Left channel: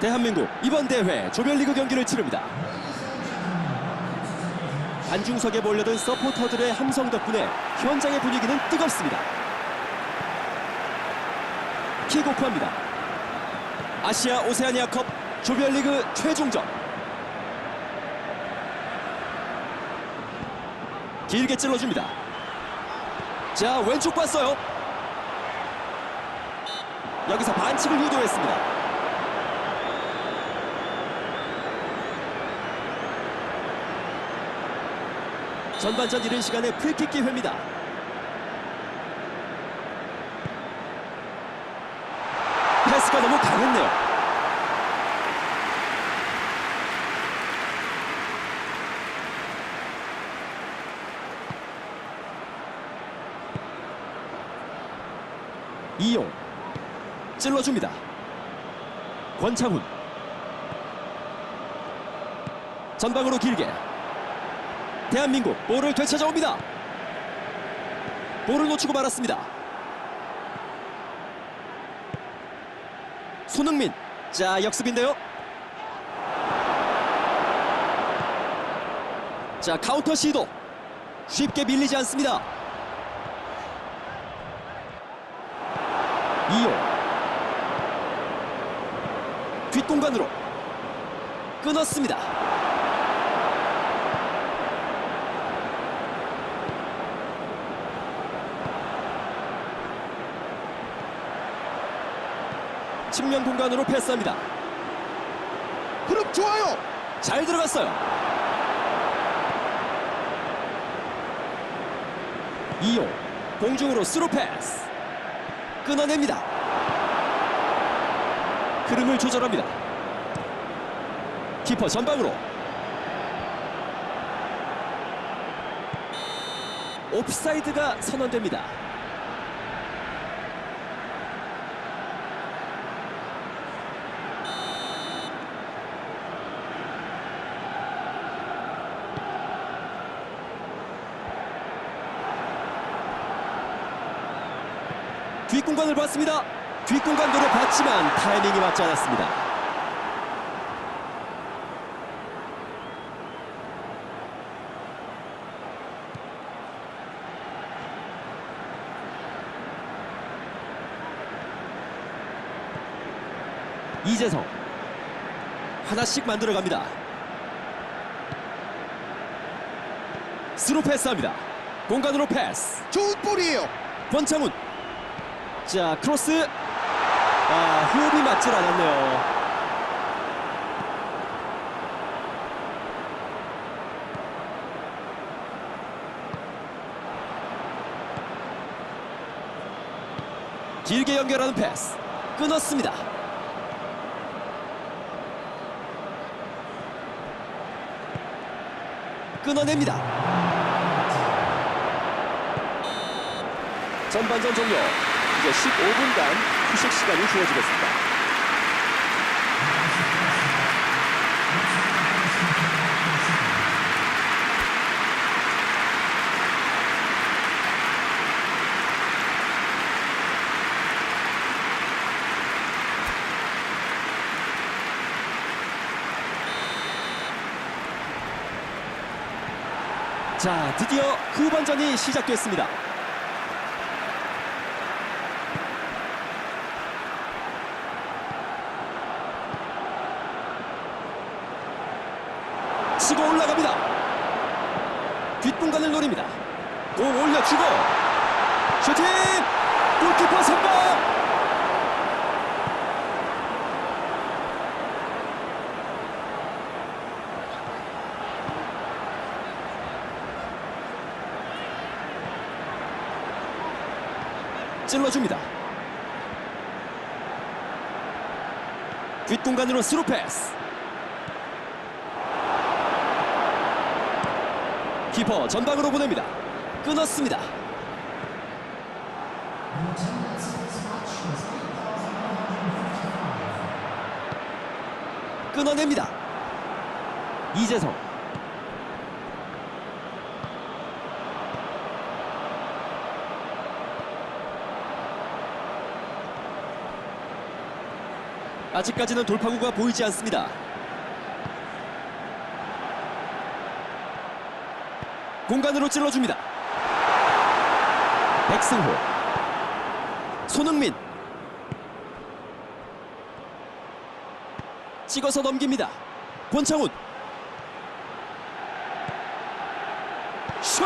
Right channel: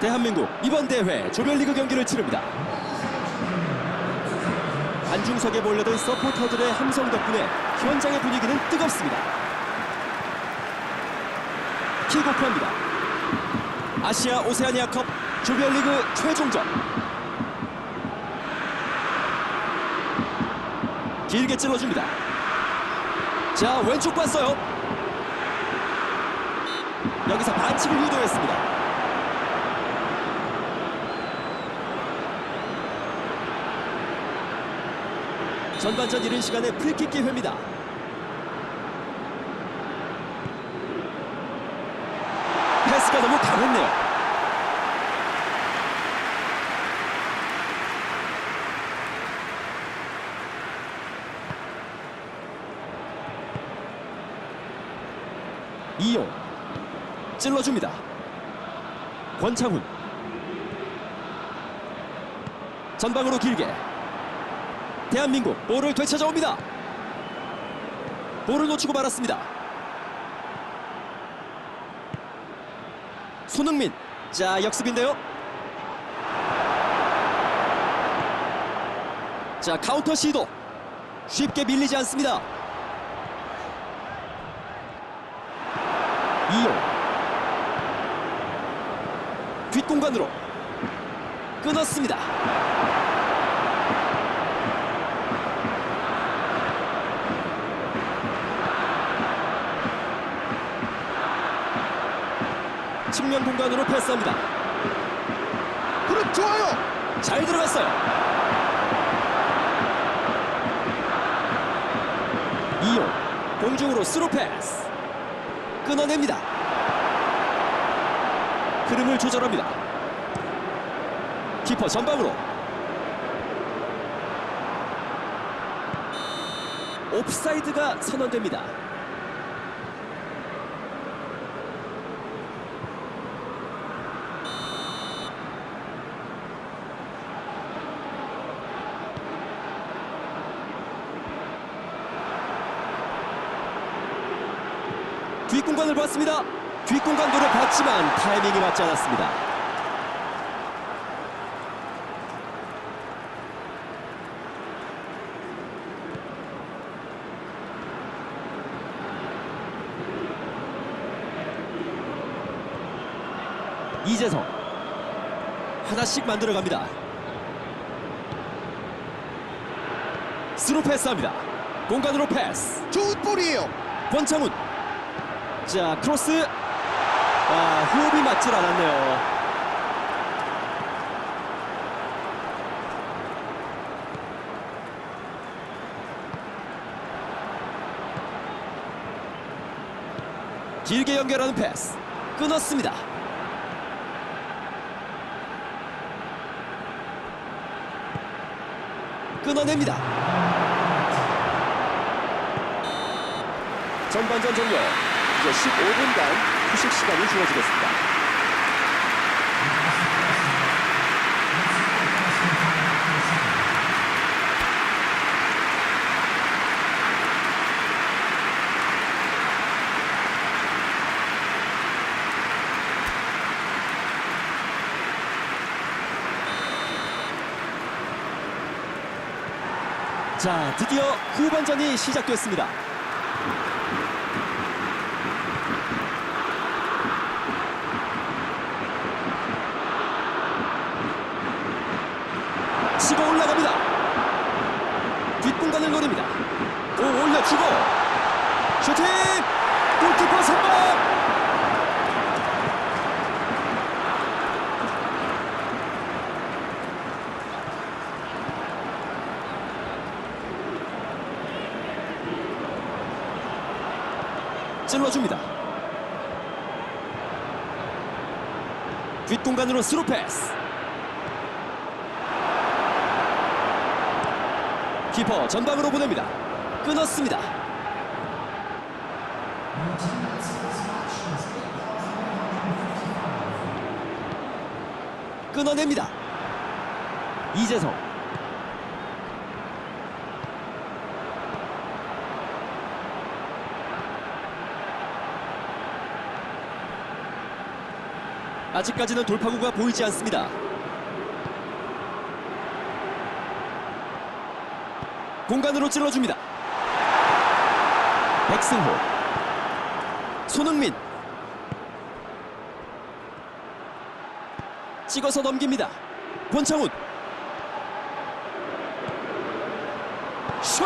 대한민국 이번 대회 조별리그 경기를 치릅니다. 관중석에 몰려든 서포터들의 함성 덕분에 현장의 분위기는 뜨겁습니다. 킥오프합니다. 아시아 오세아니아컵 조별리그 최종전. 길게 찔러줍니다. 자 왼쪽 봤어요. 여기서 반칙을 유도했습니다. 전반전 이른 시간에 프리킥 기회입니다. 패스가 너무 강했네요. 이용 찔러줍니다. 권창훈 전방으로 길게 대한민국 볼을 되찾아옵니다. 볼을 놓치고 말았습니다. 손흥민 자 역습인데요. 자 카운터 시도 쉽게 밀리지 않습니다. 이용 뒷공간으로 끊었습니다. 측면 공간으로 패스합니다. 그룹 좋아요. 잘 들어갔어요. 이용 공중으로 스루 패스 끊어냅니다. 흐름을 조절합니다. 키퍼 전방으로 옵사이드가 선언됩니다. 뒷공간을 봤습니다. 뒷공간 노려봤지만 타이밍이 맞지 않았습니다. 이재성 하나씩 만들어갑니다. 스루 패스합니다. 공간으로 패스. 좋은 볼이에요. 권창훈 자 크로스. 아 호흡이 맞질 않았네요. 길게 연결하는 패스. 끊었습니다. 끊어냅니다. 전반전 종료. 이제 15분간 휴식 시간이 주어지겠습니다. 자, 드디어 후반전이 시작됐습니다. 치고 올라갑니다. 뒷공간을 노립니다. 공 올려주고 슈팅! 골키퍼 선방! 찔러줍니다. 뒷공간으로 스루 패스. 키퍼 전방으로 보냅니다. 끊었습니다. 끊어냅니다. 이재성 아직까지는 돌파구가 보이지 않습니다. 공간으로 찔러줍니다. 백승호, 손흥민, 찍어서 넘깁니다. 권창훈, 슛!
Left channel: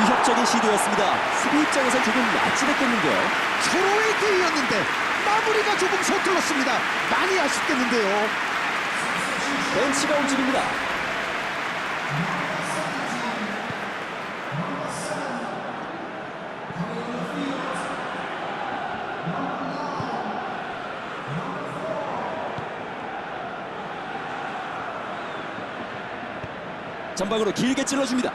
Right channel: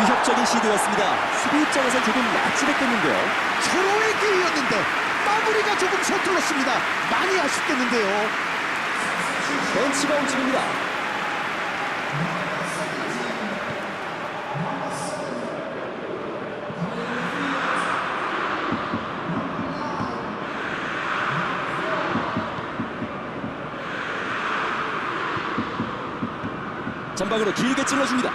위협적인 시도였습니다. 수비 입장에선 조금 아찔했겠는데요. 서로의 기회였는데 마무리가 조금 서툴렀습니다. 많이 아쉽겠는데요. 벤치가 움직입니다. 전방으로 길게 찔러줍니다.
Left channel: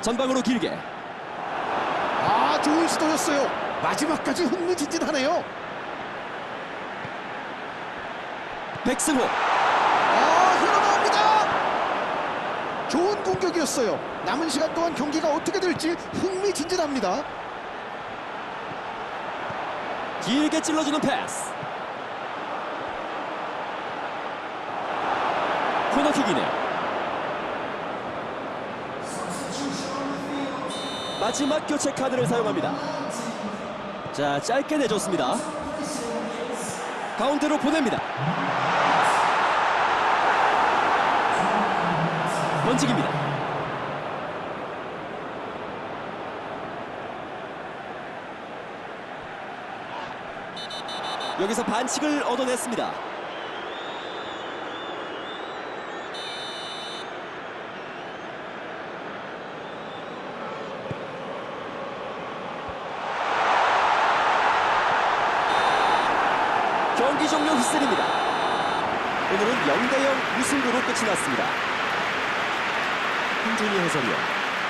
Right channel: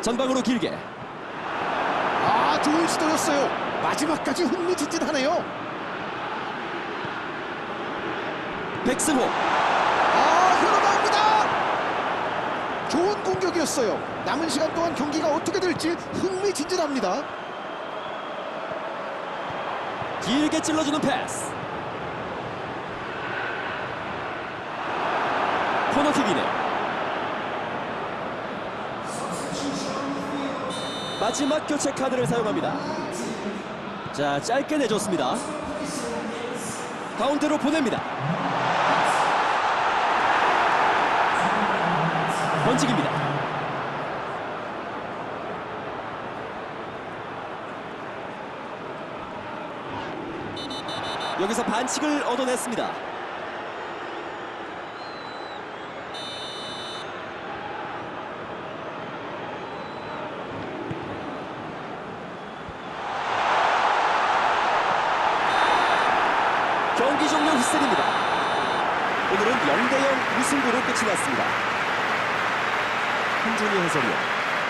전방으로 길게 아 좋은 시도였어요. 마지막까지 흥미진진하네요. 백승호 아 흘러나옵니다. 좋은 공격이었어요. 남은 시간 동안 경기가 어떻게 될지 흥미진진합니다. 길게 찔러주는 패스. 코너킥이네요. 마지막 교체 카드를 사용합니다. 자 짧게 내줬습니다. 가운데로 보냅니다. 번직입니다 여기서 반칙을 얻어냈습니다. 경기 종료 휘슬입니다. 오늘은 0대0 무승부로 끝이 났습니다. 한준희 해설위원,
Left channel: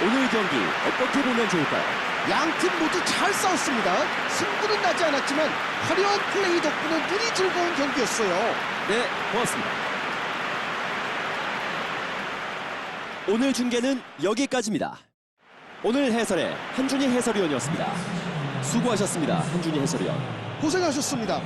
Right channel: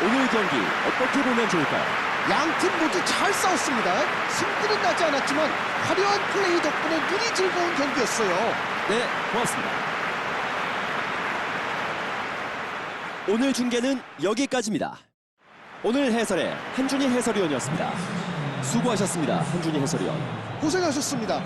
오늘 경기 어떻게 보면 좋을까요? 양 팀 모두 잘 싸웠습니다. 승부는 나지 않았지만 화려한 플레이 덕분에 눈이 즐거운 경기였어요. 네, 고맙습니다. 오늘 중계는 여기까지입니다. 오늘 해설의 한준희 해설위원이었습니다. 수고하셨습니다, 한준희 해설위원. 고생하셨습니다.